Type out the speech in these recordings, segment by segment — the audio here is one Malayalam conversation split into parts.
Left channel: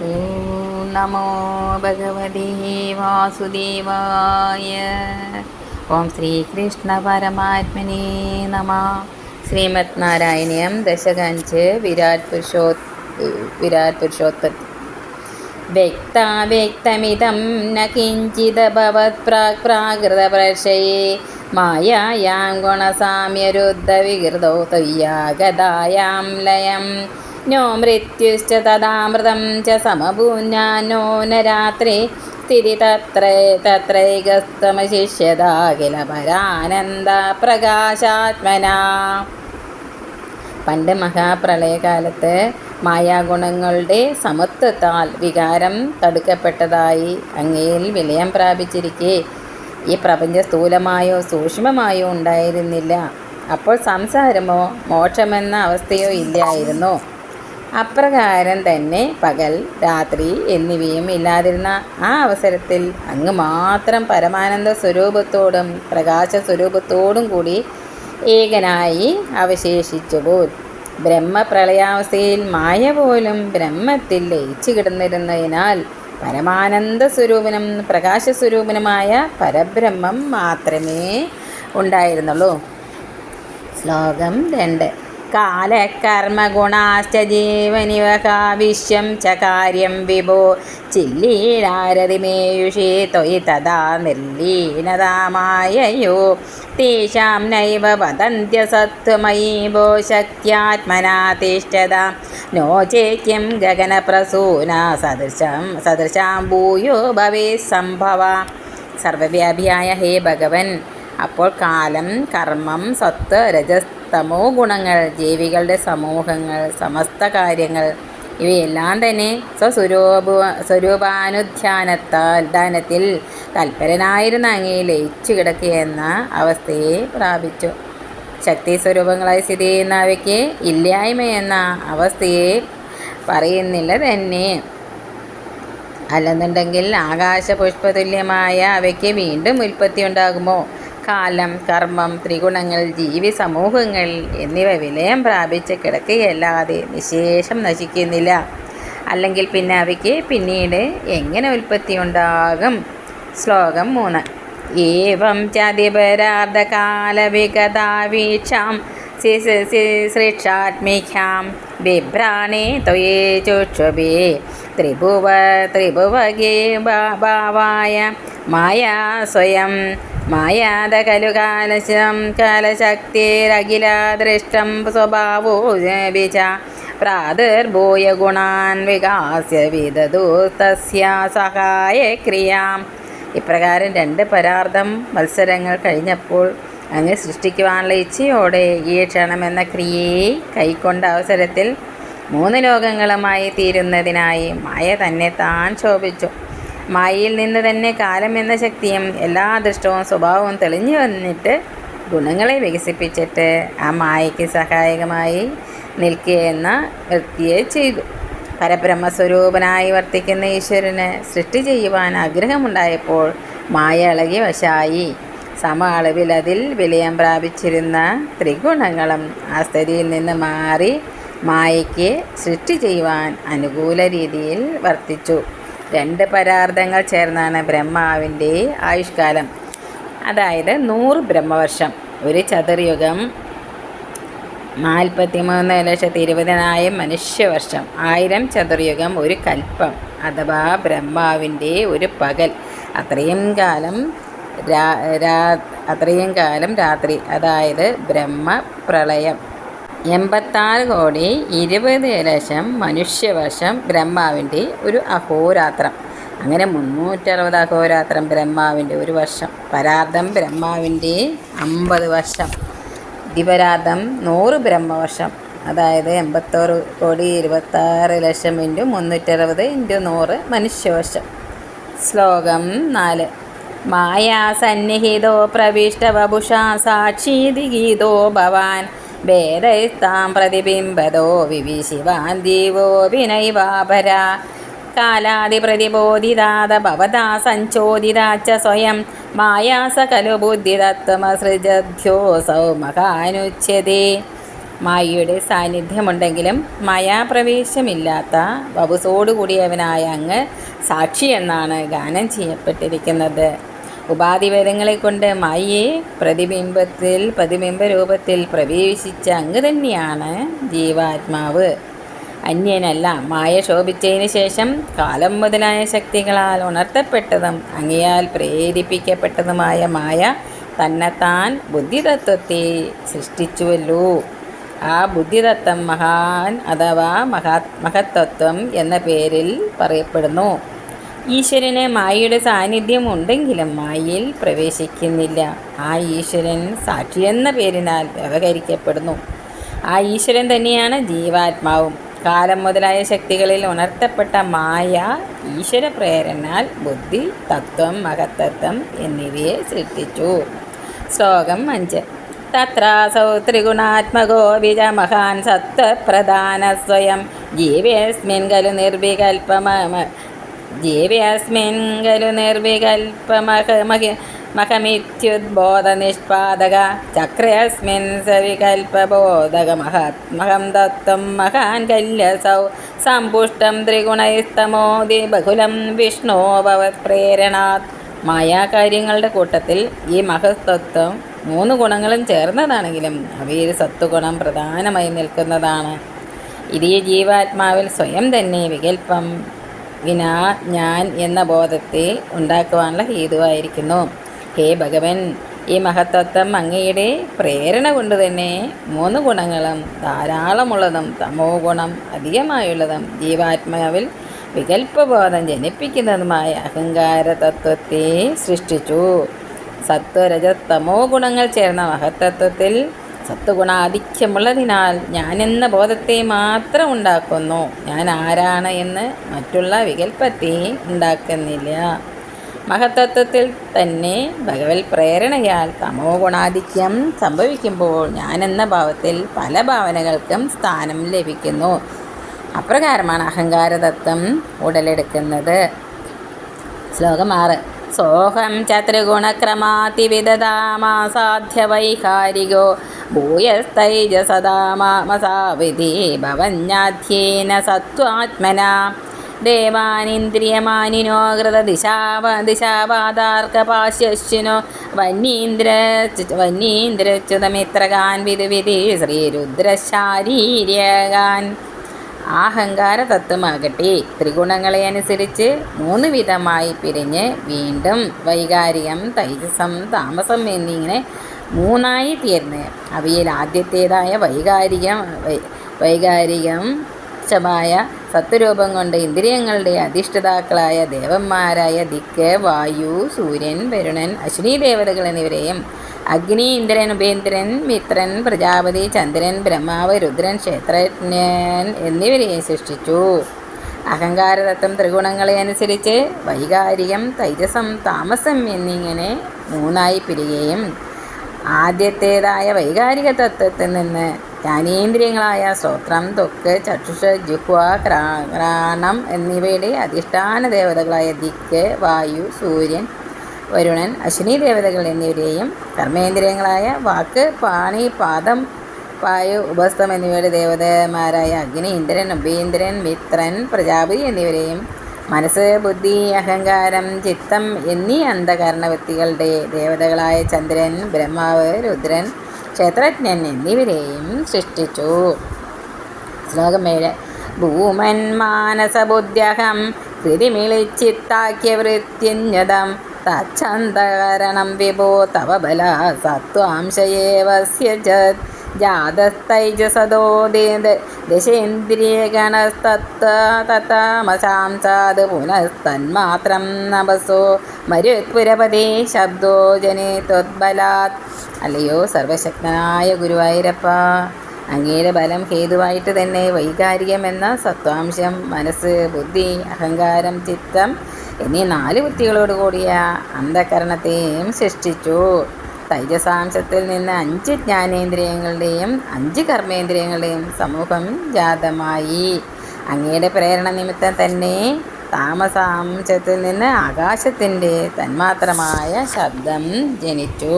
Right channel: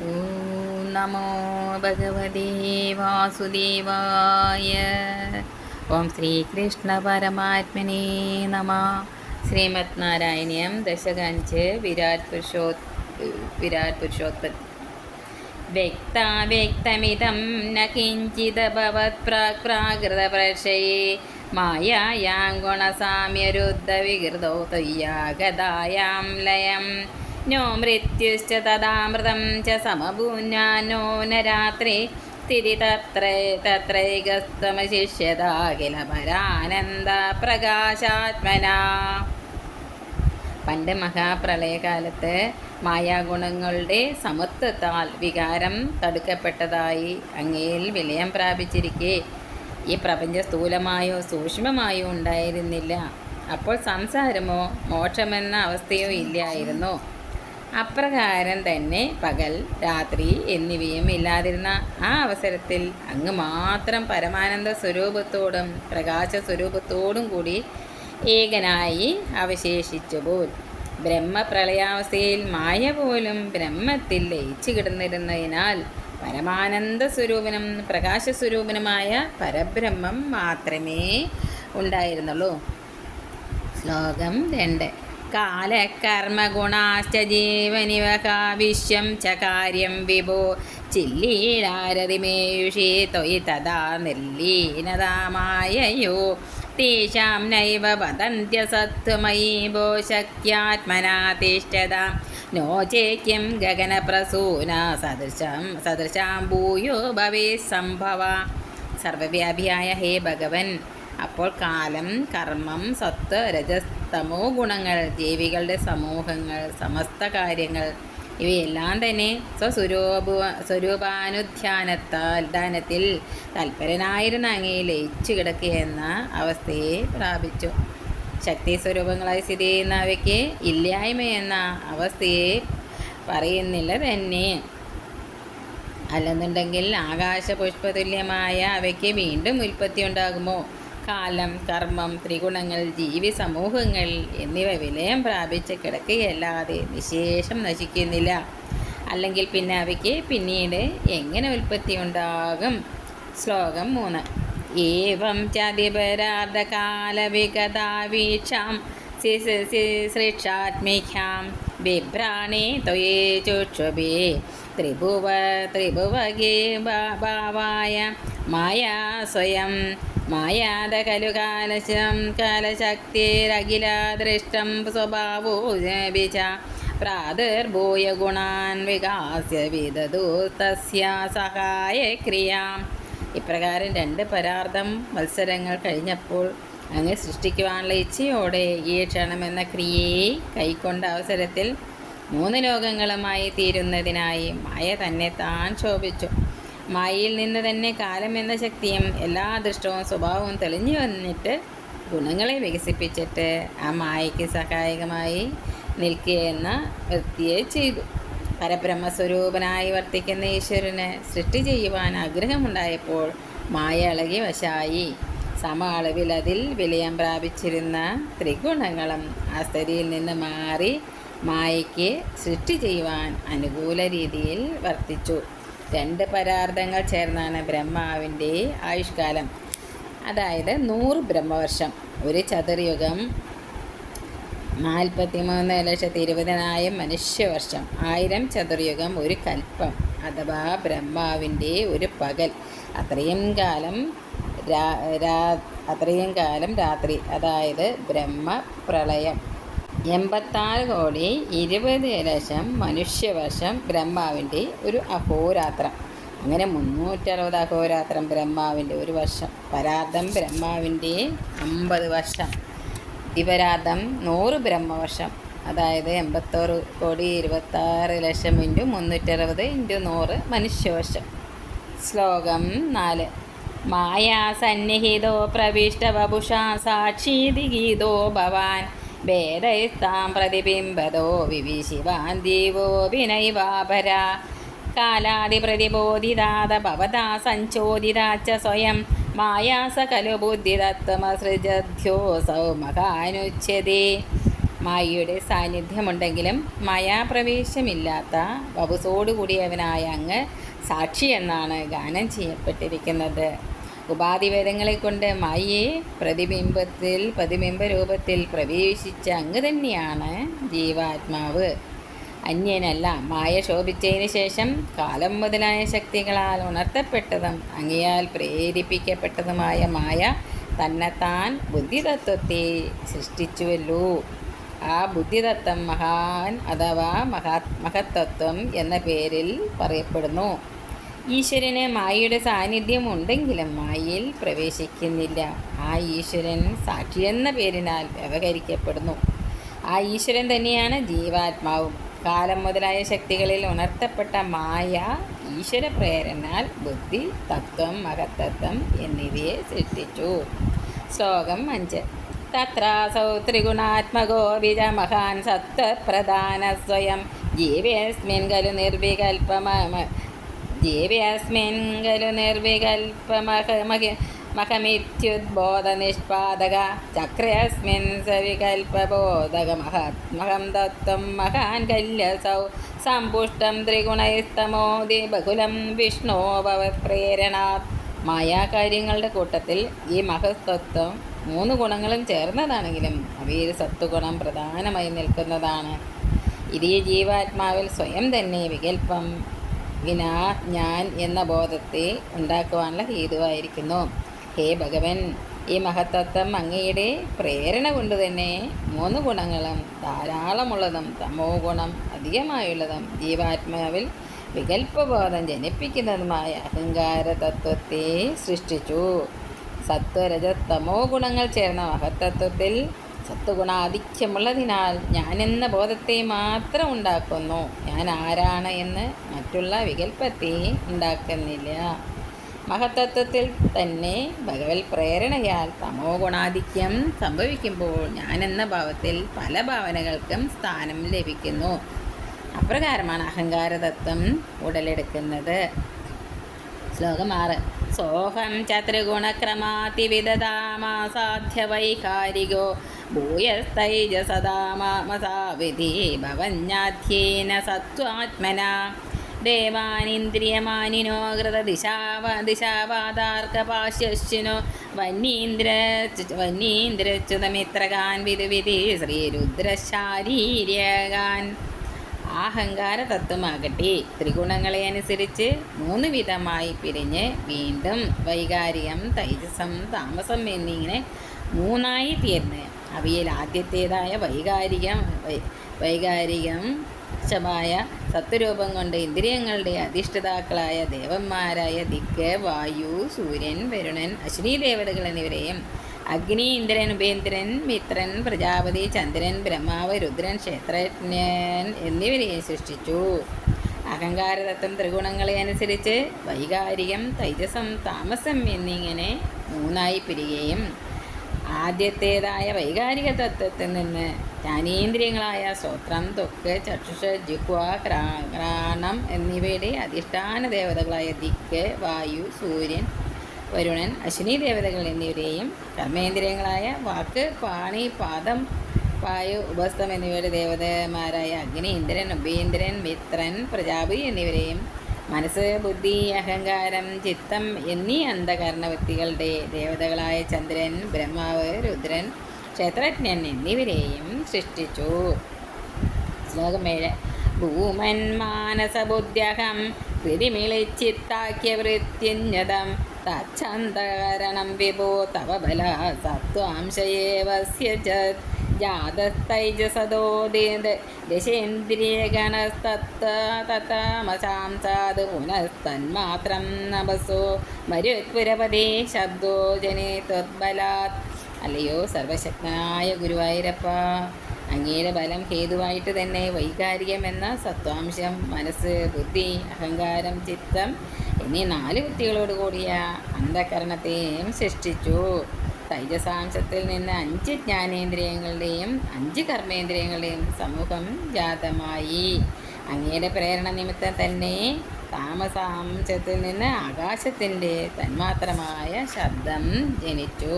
ഓം നമോ ഭഗവതി വാസുദേവായ ഓം ശ്രീകൃഷ്ണ പരമാത്മനേ നമ ശ്രീമത് നാരായണീയം ദശകഞ്ച് വിരാട് പുരുഷോ വിരാട് പുരുഷോത്പത്തി വ്യക്താവ്യക്തമിതം ന കിഞ്ചിദഭവത് പ്രാക് പ്രാകൃതപ്രക്ഷയേ മായായാം ഗുണസാമ്യരുദ്ധവികൃതോ ത്വയ്യാഗതായാം ലയം മൃത്യുശ്ച തദാമൃതം ച സമഭൂന്യാനോ നരാത്രി രാത്രി സ്ഥിതി തത്ര തത്രൈകസ്തമശിഷ്യതാകില പരാനന്ദ പ്രകാശാത്മന പണ്ട് മഹാപ്രളയകാലത്ത് മായാഗുണങ്ങളുടെ സമത്വത്താൽ വികാരം തടുക്കപ്പെട്ടതായി അങ്ങയിൽ വിലയം പ്രാപിച്ചിരിക്കെ. ഈ പ്രപഞ്ച സ്ഥൂലമായോ സൂക്ഷ്മമായോ ഉണ്ടായിരുന്നില്ല. അപ്പോൾ സംസാരമോ മോക്ഷമെന്ന അവസ്ഥയോ ഇല്ലായിരുന്നു. അപ്രകാരം തന്നെ പകൽ രാത്രി എന്നിവയും ഇല്ലാതിരുന്ന ആ അവസരത്തിൽ അങ്ങ് മാത്രം പരമാനന്ദ സ്വരൂപത്തോടും പ്രകാശ സ്വരൂപത്തോടും കൂടി ഏകനായി അവശേഷിച്ചുപോൽ ബ്രഹ്മപ്രളയാവസ്ഥയിൽ മായ പോലും ബ്രഹ്മത്തിൽ ലയിച്ചു കിടന്നിരുന്നതിനാൽ പരമാനന്ദ സ്വരൂപനും പ്രകാശസ്വരൂപനുമായ പരബ്രഹ്മം മാത്രമേ ഉണ്ടായിരുന്നുള്ളൂ. ശ്ലോകം രണ്ട്. കാലകർമ്മഗുണാശ്ച ജീവനിവകാവിശ്യം ച കാര്യം വിഭോ. ചില്ലീടാരതിമേയുഷി ത്വയി തഥാ നിർലീനതാമായയോ തേഷാം നൈവ വദന്ത്യസത്വമയീ ഭോ ശക്യാത്മനാ തിഷ്ഠത. നോ ചേക്യം ഗഗനപ്രസൂന സദൃശം സദൃശാം ഭൂയോ ഭവേ സംഭവ. സർവവ്യാപിയായ ഹേ ഭഗവൻ അപ്പോൾ കാലം കർമ്മം സത്ത് രജസ്തമോ ഗുണങ്ങൾ ജീവികളുടെ സമൂഹങ്ങൾ സമസ്ത കാര്യങ്ങൾ ഇവയെല്ലാം തന്നെ സ്വസ്വരൂപ സ്വരൂപാനുധ്യാനത്താൽ ദാനത്തിൽ തൽപരനായിരുന്ന അങ്ങേ ലയിച്ചു കിടക്കുകയെന്ന അവസ്ഥയെ പ്രാപിച്ചു. ശക്തി സ്വരൂപങ്ങളായി സ്ഥിതി ചെയ്യുന്ന അവയ്ക്ക് ഇല്ലായ്മ എന്ന അവസ്ഥയെ പറയുന്നില്ല തന്നെ. അല്ലെന്നുണ്ടെങ്കിൽ ആകാശപുഷ്പതുല്യമായ അവയ്ക്ക് വീണ്ടും ഉൽപ്പത്തി ഉണ്ടാകുമോ കാലം കർമ്മം ത്രിഗുണങ്ങൾ ജീവി സമൂഹങ്ങൾ എന്നിവ വിലയം പ്രാപിച്ച് കിടക്കുകയല്ലാതെ നിശേഷം നശിക്കുന്നില്ല. അല്ലെങ്കിൽ പിന്നെ അവയ്ക്ക് പിന്നീട് എങ്ങനെ ഉൽപ്പത്തി ഉണ്ടാകും? ശ്ലോകം മൂന്ന്. ഏവം ചതിപരാർദ്ധകാലവിഗതാവീക്ഷാം സൃക്ഷാത്മിഖ്യാം ബിഭ്രാണേ ത്വയേ ചുക്ഷുഭേ ത്രിഭുവ ത്രിഭുവഗേ ഭാവായ മായാ സ്വയം മായാത खलु कालशं कालशक्तिरखिलदृष्टं स्वभावो विच प्रादुर्भूय ഗുണാൻ വികാസ്യ വിദതു തസ്യ സഹായക്രിയാം ഇപ്രകാരം രണ്ട് പരാർത്ഥം മത്സരങ്ങൾ കഴിഞ്ഞപ്പോൾ അങ്ങ് സൃഷ്ടിക്കുവാനുള്ള ഇച്ഛയോടെ ഈ എന്ന ക്രിയയെ കൈക്കൊണ്ട അവസരത്തിൽ മൂന്ന് ലോകങ്ങളുമായി തീരുന്നതിനായി മായ തന്നെ താൻ ശോഭിച്ചു. മായയിൽ നിന്ന് തന്നെ കാലം എന്ന ശക്തിയും എല്ലാ അദൃഷ്ടവും സ്വഭാവവും തെളിഞ്ഞു വന്നിട്ട് ഗുണങ്ങളെ വികസിപ്പിച്ചിട്ട് ആ മായയ്ക്ക് സഹായകമായി നിൽക്കുകയെന്ന വൃത്തിയെ ചെയ്തു. പരബ്രഹ്മസ്വരൂപനായി വർത്തിക്കുന്ന ഈശ്വരന് സൃഷ്ടി ചെയ്യുവാൻ ആഗ്രഹമുണ്ടായപ്പോൾ മായ ഇളകി വശായി. സമ അളവിൽ അതിൽ വിലയം പ്രാപിച്ചിരുന്ന ത്രിഗുണങ്ങളും ആ സ്ഥിതിയിൽ നിന്ന് മാറി മായയ്ക്ക് സൃഷ്ടി ചെയ്യുവാൻ അനുകൂല രീതിയിൽ വർത്തിച്ചു. രണ്ട് പരാർത്ഥങ്ങൾ ചേർന്നാണ് ബ്രഹ്മാവിന്റെ ആയുഷ്കാലം. അതായത് നൂറ് ബ്രഹ്മവർഷം. ഒരു ചതുർയുഗം നാൽപ്പത്തി മൂന്ന് ലക്ഷത്തി ഇരുപതിനായിരം മനുഷ്യവർഷം. ആയിരം ചതുർയുഗം ഒരു കൽപ്പം. അഥവാ ബ്രഹ്മാവിന്റെ ഒരു പകൽ. അത്രയും കാലം അത്രയും കാലം രാത്രി. അതായത് ബ്രഹ്മപ്രളയം എൺപത്താറ് കോടി ഇരുപത് ലക്ഷം മനുഷ്യവർഷം ബ്രഹ്മാവിന്റെ ഒരു അഹോരാത്രം. അങ്ങനെ മുന്നൂറ്ററുപത് അഹോരാത്രം ബ്രഹ്മാവിന്റെ ഒരു വർഷം. പരാർത്ഥം ബ്രഹ്മാവിന്റെ അമ്പത് വർഷം. ദിവരാർത്ഥം നൂറ് ബ്രഹ്മവർഷം. അതായത് എൺപത്തോറ് കോടി ഇരുപത്താറ് ലക്ഷം ഇന്റു മുന്നൂറ്ററുപത് ഇന്റു നൂറ് മനുഷ്യവർഷം. ശ്ലോകം നാല്. മായാസന്നിഹിതോ പ്രവിഷ്ടവപുഷാ സാക്ഷീതി ഗീതോ ഭവാൻ. വേദൈസ്താം പ്രതിബിംബതോ വിവിശിവാൻ ദീവോഭിനൈവാപര കാലാതിപ്രതിബോധിതാത ഭവതാ സഞ്ചോദിതാച്ച സ്വയം. മായാസ ഖലു ബുദ്ധിതത്വമസൃജധ്യോസൗ മഹാനുച്യതേ മായയുടെ സാന്നിധ്യമുണ്ടെങ്കിലും മായാപ്രവേശമില്ലാത്ത വപുസോടുകൂടിയവനായ അങ്ങ് സാക്ഷി എന്നാണ് ഗാനം ചെയ്യപ്പെട്ടിരിക്കുന്നത്. ഉപാധിവേദങ്ങളെ കൊണ്ട് മായയെ പ്രതിബിംബത്തിൽ പ്രതിബിംബ രൂപത്തിൽ പ്രവേശിച്ച അങ്ങ് തന്നെയാണ് ജീവാത്മാവ്. അന്യനല്ല മായ ശോഭിച്ചതിന് ശേഷം കാലം മുതലായ ശക്തികളാൽ ഉണർത്തപ്പെട്ടതും അങ്ങയാൽ പ്രേരിപ്പിക്കപ്പെട്ടതുമായ മായ തന്നെത്താൻ ബുദ്ധിതത്വത്തെ സൃഷ്ടിച്ചുവല്ലോ. ആ ബുദ്ധിതത്വം മഹാൻ അഥവാ മഹാ മഹത്തത്വം എന്ന പേരിൽ പറയപ്പെടുന്നു. ഈശ്വരന് മായയുടെ സാന്നിധ്യം ഉണ്ടെങ്കിലും മായയിൽ പ്രവേശിക്കുന്നില്ല. ആ ഈശ്വരൻ സാക്ഷി എന്ന പേരിനാൽ വ്യവഹരിക്കപ്പെടുന്നു. ആ ഈശ്വരൻ തന്നെയാണ് ജീവാത്മാവും. കാലം മുതലായ ശക്തികളിൽ ഉണർത്തപ്പെട്ട മായ ഈശ്വര പ്രേരണാൽ ബുദ്ധി തത്വം മഹത്തത്വം എന്നിവയെ സൃഷ്ടിച്ചു. ശ്ലോകം അഞ്ച്. തത്രാസൗ ത്രിഗുണാത്മകോ വിജമഹാൻ സത്വപ്രധാന സ്വയം. ജീവേസ്മിൻ ഖലു നിർവികൽപമ ജീവേസ്മിൻ ഖലു നിർവികൽപമഹ മഹമിത്യുദ്ബോധനിഷ്പാദക. ചക്രയസ്മിൻ സവികൽപബോധക ദത്തം മഹാൻ കല്യസൗ. സമ്പുഷ്ടം ത്രിഗുണൈസ്തമോദി ബഹുലം വിഷ്ണോ ഭവത് പ്രേരണാത് മായാകാര്യങ്ങളുടെ കൂട്ടത്തിൽ ഈ മഹസ്തത്വം മൂന്ന് ഗുണങ്ങളും ചേർന്നതാണെങ്കിലും അവയിൽ സത്വഗുണം പ്രധാനമായി നിൽക്കുന്നതാണ്. ഇത് ജീവാത്മാവിൽ സ്വയം തന്നെ വികല്പം വിനാ ഞാൻ എന്ന ബോധത്തെ ഉണ്ടാക്കുവാനുള്ള ഹേതുവായിരിക്കുന്നു. ഹേ ഭഗവൻ ഈ മഹത്തത്വം അങ്ങയുടെ പ്രേരണ കൊണ്ട് തന്നെ മൂന്ന് ഗുണങ്ങളും ധാരാളമുള്ളതും തമോ ഗുണം അധികമായുള്ളതും ജീവാത്മാവിൽ വികല്പബോധം ജനിപ്പിക്കുന്നതുമായ അഹങ്കാര തത്വത്തെ സൃഷ്ടിച്ചു. സത്വരജ തമോ ഗുണങ്ങൾ ചേർന്ന മഹത്തത്വത്തിൽ സത്വഗുണാധിക്യമുള്ളതിനാൽ എന്ന ബോധത്തെ മാത്രം ഉണ്ടാക്കുന്നു. ഞാൻ ആരാണ് എന്ന് മറ്റുള്ള വികല്പത്തെ ഉണ്ടാക്കുന്നില്ല. മഹത്തത്വത്തിൽ തന്നെ ഭഗവത് പ്രേരണയാൽ തമോ ഗുണാധിക്യം സംഭവിക്കുമ്പോൾ എന്ന ഭാവത്തിൽ പല ഭാവനകൾക്കും സ്ഥാനം ലഭിക്കുന്നു. അപ്രകാരമാണ് അഹങ്കാരതത്വം ഉടലെടുക്കുന്നത്. ശ്ലോകം ആറ്. സോഹം ചത്രിഗുണക്രമാതിവിദതാമാസാധ്യ വൈകാരികോ ഭൂയസ്തൈജസദാമാമസാവിധി ഭവന്യാധ്യേന സത്വാത്മന ദേവാനിന്ദ്രിയമാനിനോ കൃതദിശാവ ദിശാവാദാർക്കപാശ്യശ്വിനോ വന്യീന്ദ്ര വന്യീന്ദ്രച്യുതമിത്രകാൻ വിധുവിധി ശ്രീരുദ്രശാരീര്യകാൻ അഹങ്കാര തത്വമാകട്ടെ ത്രിഗുണങ്ങളെ അനുസരിച്ച് മൂന്ന് വിധമായി പിരിഞ്ഞ് വീണ്ടും വൈകാരികം തൈജസം താമസം എന്നിങ്ങനെ മൂന്നായി തീർന്ന്. അവയിൽ ആദ്യത്തേതായ വൈകാരികം വൈകാരികം മായ സത്വരൂപം കൊണ്ട് ഇന്ദ്രിയങ്ങളുടെ അധിഷ്ഠിതാക്കളായ ദേവന്മാരായ ദിക്ക് വായു സൂര്യൻ വരുണൻ അശ്വിനി ദേവതകൾ എന്നിവരെയും അഗ്നി ഇന്ദ്രൻ ഉപേന്ദ്രൻ മിത്രൻ പ്രജാപതി ചന്ദ്രൻ ബ്രഹ്മാവ് രുദ്രൻ ക്ഷേത്രജ്ഞൻ എന്നിവരെയും സൃഷ്ടിച്ചു. അഹങ്കാരതത്വം ത്രിഗുണങ്ങളെ അനുസരിച്ച് വൈകാരികം തൈജസം താമസം എന്നിങ്ങനെ മൂന്നായി പിരിയുകയും ആദ്യത്തേതായ വൈകാരിക തത്വത്തിൽ നിന്ന് ജ്ഞാനേന്ദ്രിയങ്ങളായ സ്വത്രം തൊക്ക് ചക്ഷുഷ ജുഹ്വ ക്രാണം എന്നിവയുടെ അധിഷ്ഠാന ദേവതകളായ ദിക്ക് വായു സൂര്യൻ വരുണൻ അശ്വിനി ദേവതകൾ എന്നിവരെയും കർമ്മേന്ദ്രിയങ്ങളായ വാക്ക് പാണി പാദം വായു ഉപസ്ഥം എന്നിവയുടെ ദേവതമാരായ അഗ്നി ഇന്ദ്രൻ ഉപേന്ദ്രൻ മിത്രൻ പ്രജാപതി എന്നിവരെയും മനസ്സ് ബുദ്ധി അഹങ്കാരം ചിത്തം എന്നീ അന്ധകരണവൃത്തികളുടെ ദേവതകളായ ചന്ദ്രൻ ബ്രഹ്മാവ് രുദ്രൻ ക്ഷേത്രജ്ഞൻ എന്നിവരെയും സൃഷ്ടിച്ചു. ശ്ലോകം ഏഴ്. ഭൂമൻ മാനസബുദ്ധ്യഹം പിരിമിളിച്ചിത്താക്കിയ വൃത്യന്യതം തച്ഛന്തകരണം വിഭോ തവ ബല സത്വാംശയേവസ്യ ജാതസ്തൈജസദോ ദശേന്ദ്രിയഗണസ്തത്താമസാം സാത് പുനസ്തന്മാത്രം നവസോ മരുത്പുരപതേ ശബ്ദോ ജനേ ത്വത്ബലാത്. അല്ലയോ സർവശക്തനായ ഗുരുവായൂരപ്പ അങ്ങയുടെ ബലം ഹേതുവായിട്ട് തന്നെ വൈകാരികം എന്ന സത്വാംശം മനസ്സ് ബുദ്ധി അഹങ്കാരം ചിത്തം എന്നീ നാല് ബുദ്ധികളോട് കൂടിയ അന്ധകരണത്തെയും സൃഷ്ടിച്ചു. തൈജസാംശത്തിൽ നിന്ന് അഞ്ച് ജ്ഞാനേന്ദ്രിയങ്ങളുടെയും അഞ്ച് കർമ്മേന്ദ്രിയങ്ങളുടെയും സമൂഹം ജാതമായി. അങ്ങയുടെ പ്രേരണ നിമിത്തം തന്നെ താമസാംശത്തിൽ നിന്ന് ആകാശത്തിന്റെ തന്മാത്രമായ ശബ്ദം ജനിച്ചു.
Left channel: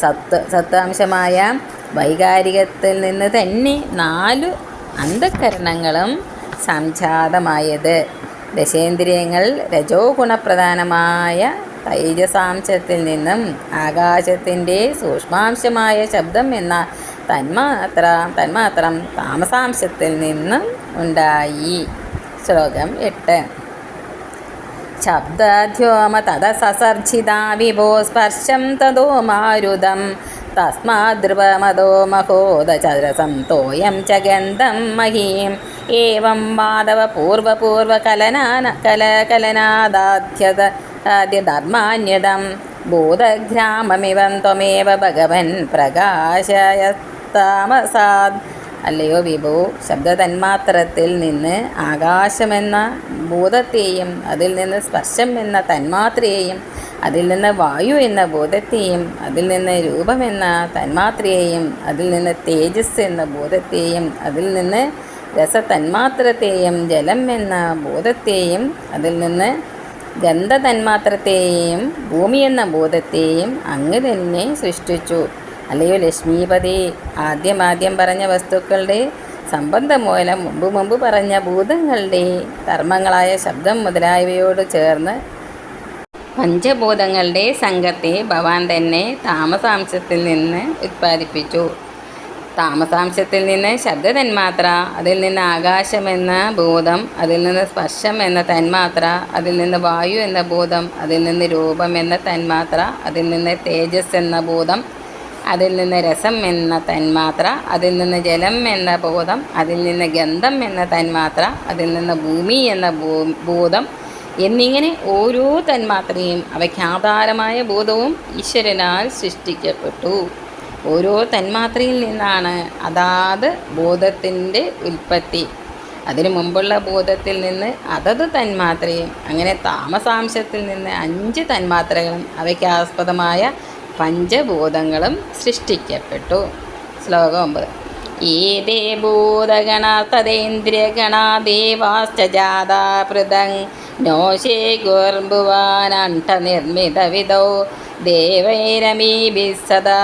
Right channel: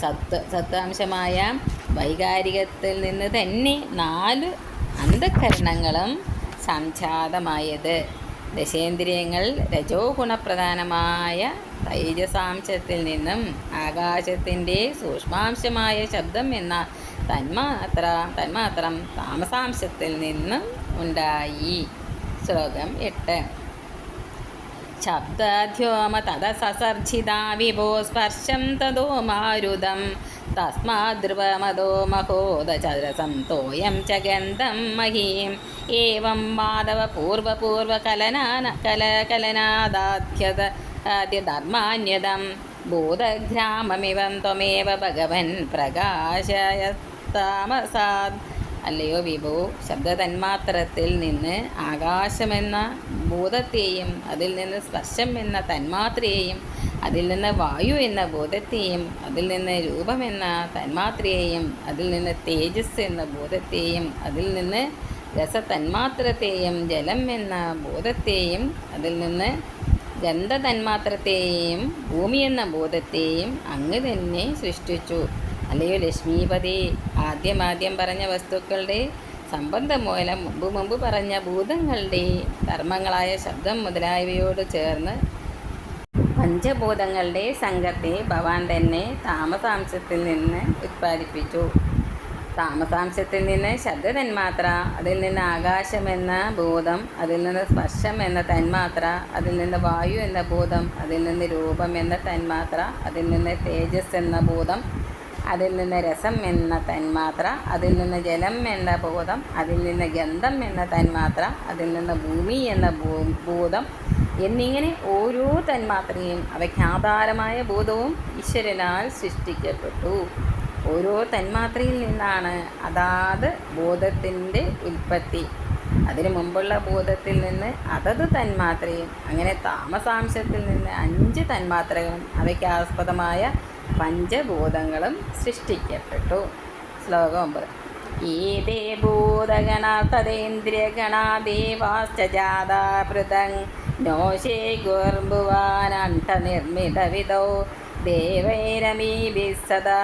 സത്ത് സത്താംശമായ വൈകാരികത്തിൽ നിന്ന് തന്നെ നാല് അന്ധകരണങ്ങളും സംജാതമായത്. ദശേന്ദ്രിയങ്ങൾ രജോ ഗുണപ്രധാനമായ തൈജസാംശത്തിൽ നിന്നും ആകാശത്തിന്റെ സൂക്ഷ്മാംശമായ ശബ്ദം എന്ന തന്മാത്ര തന്മാത്രം താമസാംശത്തിൽ നിന്നും ഉണ്ടായി. ശ്ലോകം എട്ട്. ശബ്ദധ്യോമ തദസസർജിതാ വിഭോ സ്പർശം തതോ മാരുതം. തസ്മാദ്രുവമതോ മഹോദചരസം തോയം ച ഗന്ധം മഹീം. ഏവം മാധവ പൂർവപൂർവകലനാന കല ആദ്യധർമാന്യതം ബോധഗ്രാമമിവം ത്വമേവ ഭഗവൻ പ്രകാശയത്താമസാദ്. അല്ലയോ വിഭു ശബ്ദതന്മാത്രത്തിൽ നിന്ന് ആകാശമെന്ന ഭൂതത്തെയും അതിൽ നിന്ന് സ്പർശം എന്ന തന്മാത്രയെയും അതിൽ നിന്ന് വായു എന്ന ബോധത്തെയും അതിൽ നിന്ന് രൂപമെന്ന തന്മാത്രയെയും അതിൽ നിന്ന് തേജസ് എന്ന ബോധത്തെയും അതിൽ നിന്ന് രസതന്മാത്രത്തെയും ജലം എന്ന ബോധത്തെയും അതിൽ നിന്ന് ഗന്ധതന്മാത്രത്തെയും ഭൂമി എന്ന ബോധത്തെയും അങ്ങ് തന്നെ സൃഷ്ടിച്ചു. അല്ലയോ ലക്ഷ്മീപതി? ആദ്യം ആദ്യം പറഞ്ഞ വസ്തുക്കളുടെ സംബന്ധം മൂലം മുമ്പ് മുമ്പ് പറഞ്ഞ ഭൂതങ്ങളുടെ ധർമ്മങ്ങളായ ശബ്ദം മുതലായവയോട് ചേർന്ന് പഞ്ചഭൂതങ്ങളുടെ സംഘത്തെ ഭവാൻ തന്നെ താമസാംശത്തിൽ നിന്ന് ഉത്പാദിപ്പിച്ചു. താമസാംശത്തിൽ നിന്ന് ശബ്ദ തന്മാത്ര അതിൽ നിന്ന് ആകാശമെന്ന ബോധം അതിൽ നിന്ന് സ്പർശം എന്ന തന്മാത്ര അതിൽ നിന്ന് വായു എന്ന ബോധം അതിൽ നിന്ന് രൂപം എന്ന തന്മാത്ര അതിൽ നിന്ന് തേജസ് എന്ന ബോധം അതിൽ നിന്ന് രസം എന്ന തന്മാത്ര അതിൽ നിന്ന് ജലം എന്ന ബോധം അതിൽ നിന്ന് ഗന്ധം എന്ന തന്മാത്ര അതിൽ നിന്ന് ഭൂമി എന്ന ഭൂതം എന്നിങ്ങനെ ഓരോ തന്മാത്രയും അവയ്ക്ക് ആധാരമായ ബോധവും ഈശ്വരനാൽ സൃഷ്ടിക്കപ്പെട്ടു. ഓരോ തന്മാത്രയിൽ നിന്നാണ് അതാത് ബോധത്തിന്റെ ഉൽപ്പത്തി. അതിനു മുമ്പുള്ള ബോധത്തിൽ നിന്ന് അതത് തന്മാത്രയും അങ്ങനെ താമസാംശത്തിൽ നിന്ന് അഞ്ച് തന്മാത്രകളും അവയ്ക്ക് ആസ്പദമായ പഞ്ചഭൂതങ്ങളും സൃഷ്ടിക്കപ്പെട്ടു. ശ്ലോകം ഒമ്പത്. ഏതേ ഭൂതഗണ തദേന്ദ്രിയഗണ ദേവാശ്ച ജാതാ പൃഥങ് നോശേ ഗുർഭുവാനണ്ഠനിർമ്മിതവിധോ ദേവൈരമീ സദാ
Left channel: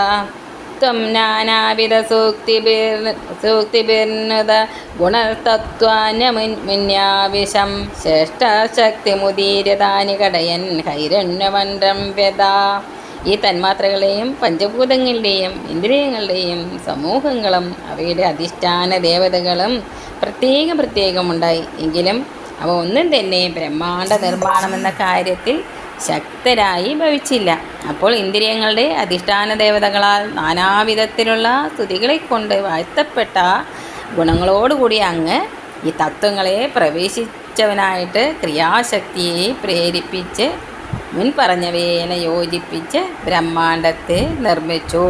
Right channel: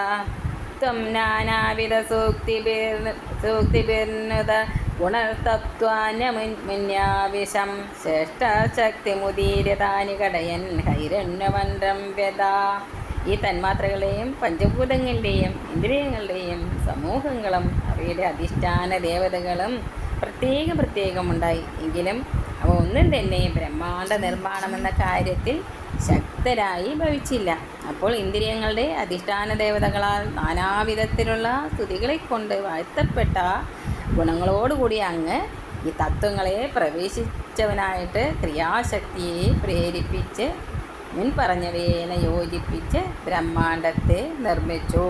ത്വം നാനാവിധസൂക്തിഭിർ സൂക്തിഭിർനുത ഗുണതത്വാന്യമുന്യാവിശം ശ്രേഷ്ഠശക്തിമുദീര്യതാനി കടയൻ ഹൈരണ്യമണ്ഡം വ്യതാ. ഈ തന്മാത്രകളെയും പഞ്ചഭൂതങ്ങളുടെയും ഇന്ദ്രിയങ്ങളുടെയും സമൂഹങ്ങളും അവയുടെ അധിഷ്ഠാന ദേവതകളും പ്രത്യേകം പ്രത്യേകമുണ്ടായി. എങ്കിലും അവ ഒന്നും തന്നെ ബ്രഹ്മാണ്ട നിർമ്മാണം എന്ന കാര്യത്തിൽ ശക്തരായി ഭവിച്ചില്ല. അപ്പോൾ ഇന്ദ്രിയങ്ങളുടെ അധിഷ്ഠാന ദേവതകളാൽ നാനാവിധത്തിലുള്ള സ്തുതികളെ കൊണ്ട് വാഴ്ത്തപ്പെട്ട ഗുണങ്ങളോടുകൂടി അങ്ങ് ഈ തത്വങ്ങളെ പ്രവേശിച്ചവനായിട്ട് ക്രിയാശക്തിയെ പ്രേരിപ്പിച്ച് മുൻ പറഞ്ഞവയേനെ യോജിപ്പിച്ച് ബ്രഹ്മാണ്ടത്തെ നിർമ്മിച്ചു.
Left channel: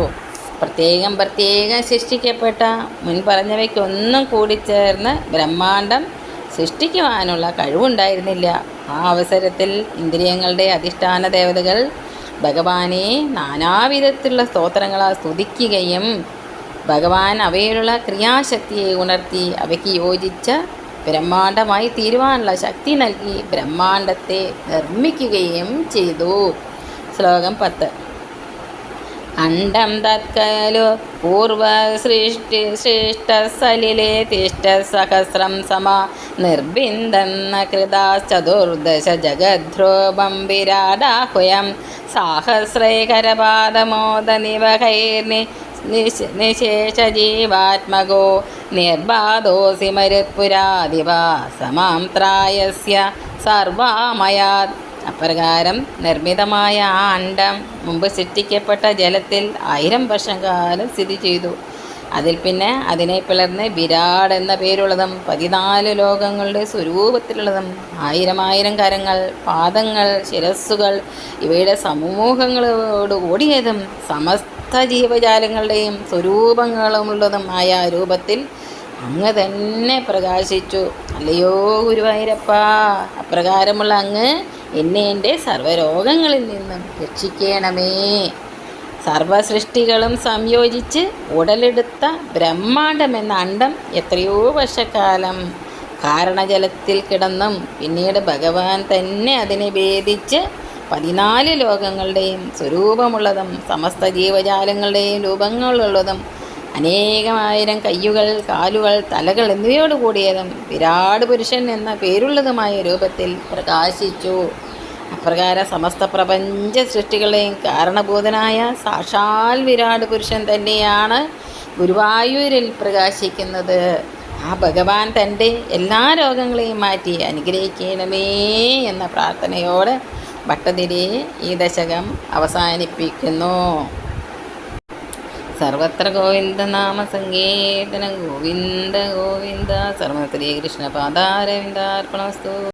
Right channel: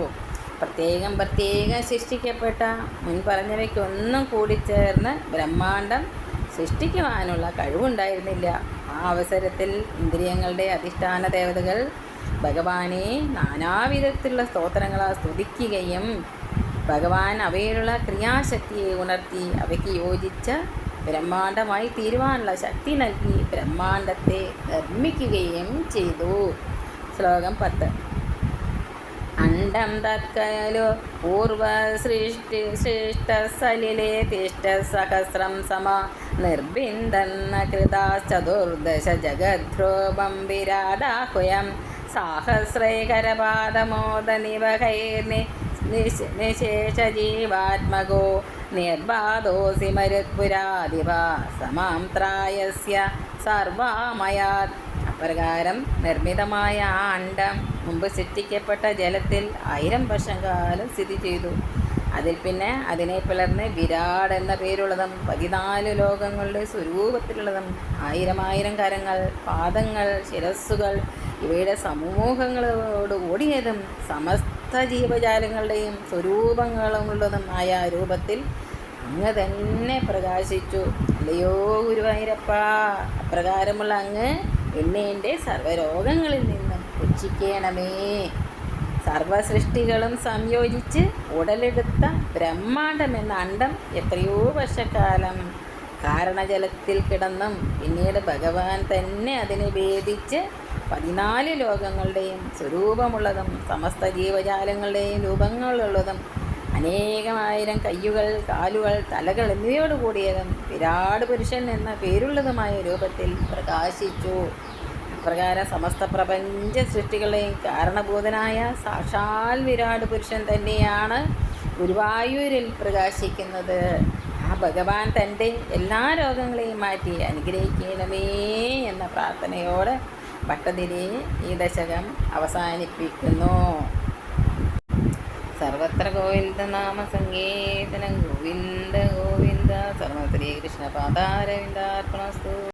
പ്രത്യേകം പ്രത്യേകം സൃഷ്ടിക്കപ്പെട്ട മുൻ പറഞ്ഞവയ്ക്കൊന്നും കൂടിച്ചേർന്ന് ബ്രഹ്മാണ്ടം സൃഷ്ടിക്കുവാനുള്ള കഴിവുണ്ടായിരുന്നില്ല. ആ അവസരത്തിൽ ഇന്ദ്രിയങ്ങളുടെ അധിഷ്ഠാന ദേവതകൾ ഭഗവാനെ നാനാവിധത്തിലുള്ള സ്തോത്രങ്ങളാൽ സ്തുതിക്കുകയും ഭഗവാൻ അവയിലുള്ള ക്രിയാശക്തിയെ ഉണർത്തി അവയ്ക്ക് യോജിച്ച ബ്രഹ്മാണ്ടമായി തീരുവാനുള്ള ശക്തി നൽകി ബ്രഹ്മാണ്ടത്തെ നിർമ്മിക്കുകയും ചെയ്തു. ശ്ലോകം പത്ത്. അണ്ഡം തത്കലു പൂർവസൃഷ്ടി സൃഷ്ടസലിലെ തിഷ്ടസഹസ്രം സമ നിർബിന്ദന്ന കൃതാശ്ചതുർദശ ജഗദ്രോപം വിരാടാഹുയം. സാഹസ്രൈകരപാദമോദനിവഹൈർനി നിശേഷജീവാത്മകോ നിർബാധോസി മരുത്പുരാദിവ സമാം ത്രായസ്യ സർവാമയാത് അപ്രകാരം നിർമ്മിതമായ ആ അണ്ടം മുമ്പ് സൃഷ്ടിക്കപ്പെട്ട ജലത്തിൽ ആയിരം വർഷം കാലം സ്ഥിതി ചെയ്തു. അതിൽ പിന്നെ അതിനെ പിളർന്ന് വിരാട് എന്ന പേരുള്ളതും പതിനാല് ലോകങ്ങളുടെ സ്വരൂപത്തിലുള്ളതും ആയിരം ആയിരം കരങ്ങൾ പാദങ്ങൾ ശിരസ്സുകൾ ഇവയുടെ സമൂഹങ്ങളോട് ഓടിയതും സമസ്ത ജീവജാലങ്ങളുടെയും സ്വരൂപങ്ങളുമുള്ളതും ആയ രൂപത്തിൽ അങ്ങ് തന്നെ പ്രകാശിച്ചു. അല്ലയോ ഗുരുവായൂരപ്പ അപ്രകാരമുള്ള അങ്ങ് എന്നെ എന്റെ സർവരോഗങ്ങളിൽ നിന്നും രക്ഷിക്കണമേ. സർവസൃഷ്ടികളും സംയോജിച്ച് ഉടലെടുത്ത ബ്രഹ്മാണ്ടം എന്ന അണ്ടം എത്രയോ വർഷക്കാലം കാരണജലത്തിൽ കിടന്നും പിന്നീട് ഭഗവാൻ തന്നെ അതിനെ ഭേദിച്ച് പതിനാല് ലോകങ്ങളുടെയും സ്വരൂപമുള്ളതും സമസ്ത ജീവജാലങ്ങളുടെയും രൂപങ്ങളുള്ളതും അനേകമായിരം കയ്യുകൾ കാലുകൾ തലകൾ എന്നിവയോട് കൂടിയതും വിരാട് പുരുഷൻ എന്ന പേരുള്ളതുമായ രൂപത്തിൽ പ്രകാശിച്ചു. അപ്രകാരം സമസ്ത പ്രപഞ്ച സൃഷ്ടികളെയും കാരണഭൂതനായ സാക്ഷാൽ വിരാട് പുരുഷൻ തന്നെയാണ് ഗുരുവായൂരിൽ പ്രകാശിക്കുന്നത്. ആ ഭഗവാൻ തന്റെ എല്ലാ രോഗങ്ങളെയും മാറ്റി അനുഗ്രഹിക്കണമേ എന്ന പ്രാർത്ഥനയോടെ ഭട്ടതിരി ഈ ദശകം അവസാനിപ്പിക്കുന്നു. സർവത്ര ഗോവിന്ദനാമ സങ്കീർത്തനം ഗോവിന്ദ ഗോവിന്ദ. സർവ ശ്രീകൃഷ്ണ പാദാരവിന്ദാർപ്പണമസ്തു